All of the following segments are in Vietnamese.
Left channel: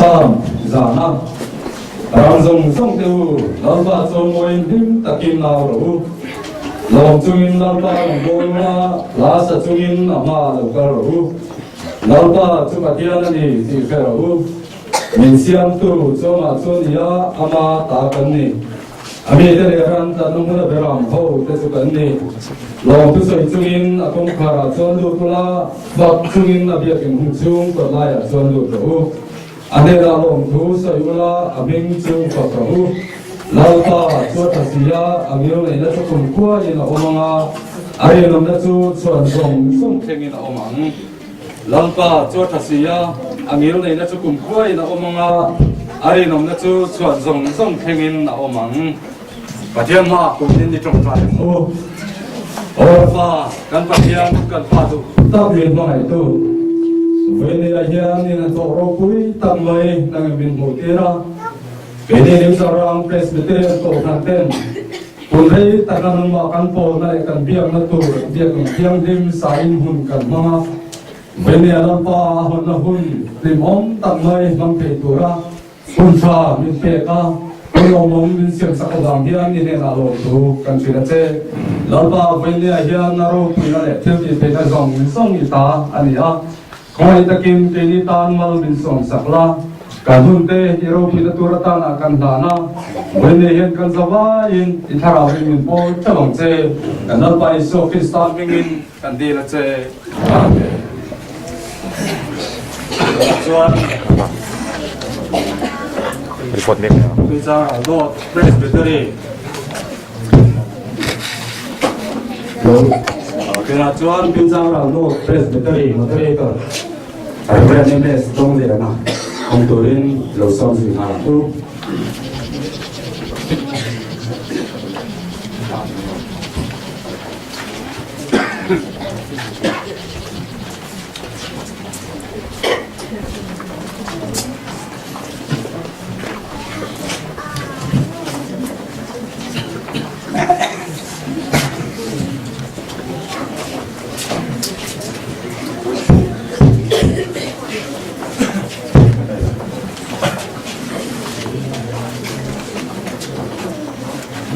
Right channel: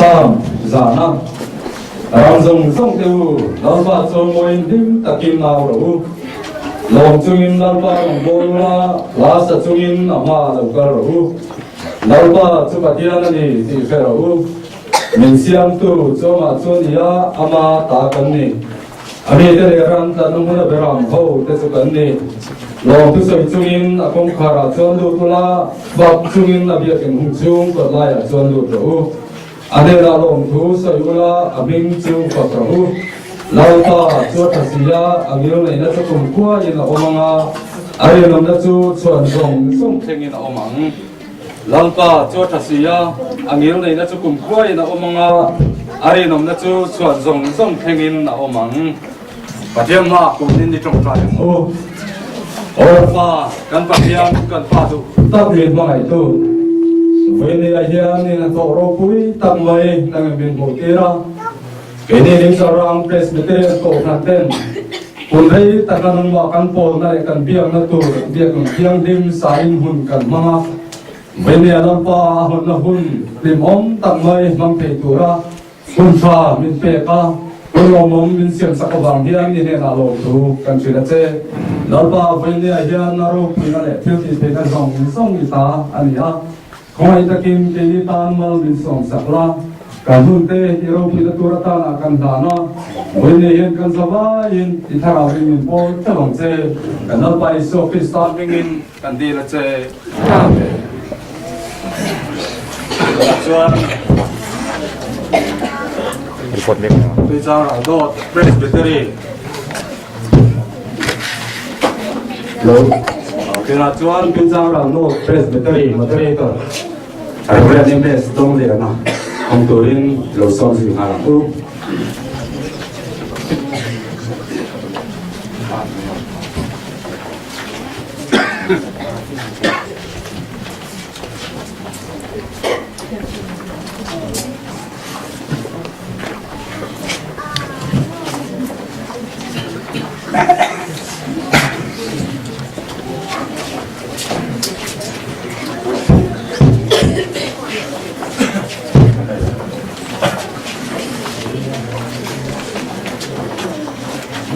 sam zana rang zong song teu lalpa chon moin him takin naw ro long chungin lalpa bola la sa chungin ama lo ka ro lalpa chu patian ani ti fe ro min siam tu choma chonia ama ta kan ni ami te le ran ta nong na beram ho te chu kan ni long tu soi chungin akong khara chon lu tula bak chungin abia ken hung chung ko la ya chon lu ro ane la long tu soi ula aming chung ko ro lalpa chu thasia amil nei na chu kum kwa ina omanga ari nom na chu chuan zong song thengin omang lalpa chu thasia amil nei na chu kum kwa ina omanga ari nom na chu chuan zong song thengin omang patiam ma ko din di trong trai o orfa kan patiam kan pa tu ta bien ma ngai tu ve ni la hian ni na to ro pui tam mai nang bin mo tira ke ni lim sarang presbyterian ko kan ten kun rei ta kan ma kan pol na kan biang na tu biang biang dim sain hun kan ma ve ni alam pa hun na hun lim om tam mai mang pe tu ra kun sa min pe ka kun om min siam sa ka bang hian ni ne na lo tu kan chi na che lalpa ve ni a hian na ro pui na le thil ti pe na song song i ta ani a khoi takin ke ni tan mal min song sakla kan hun te hero pui na tur ta na kan da na ve ni hian kan zawa in thara min po ta bang che kan lalpa i so ki start in kan di na che amen chuan report nek bây giờ là do presbytery rồi cái là chuan bây giờ là do presbytery mà thế cơ cái này nên để trong gì nào không tôi đến lâu sau gì nào cũng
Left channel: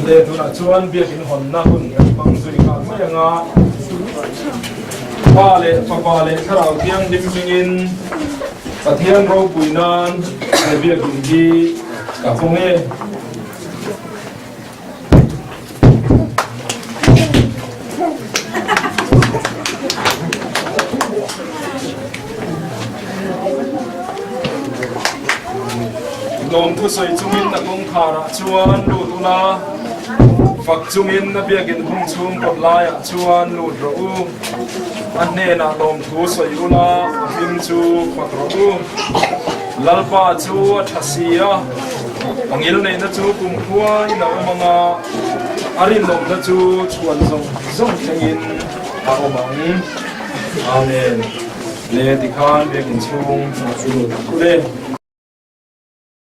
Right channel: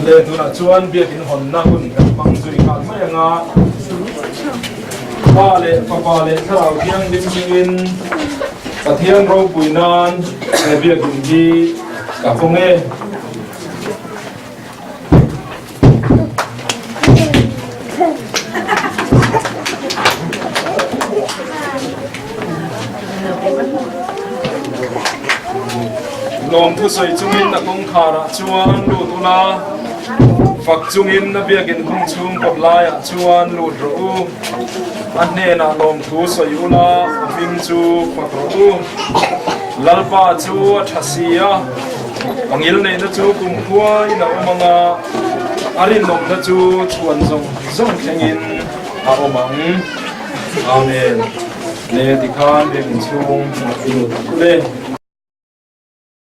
le tu na chuan biak in hon na kun mang zui ka mai anga pa le tharau tiang dim mingin pathian ro puinan le biak in gi ka fonge lom thu soi chungin na kong khara chuan lu tu na fak chungin na biakin hung chung pot lai chuan lu ro u an ne na lom thu soi ula hing chu fak ro u lalpa chu thasia angil nei na chu kum khua ina omanga arin nom na chu chuan zong thengin a omang amen le tikhan biakin chung ma chu le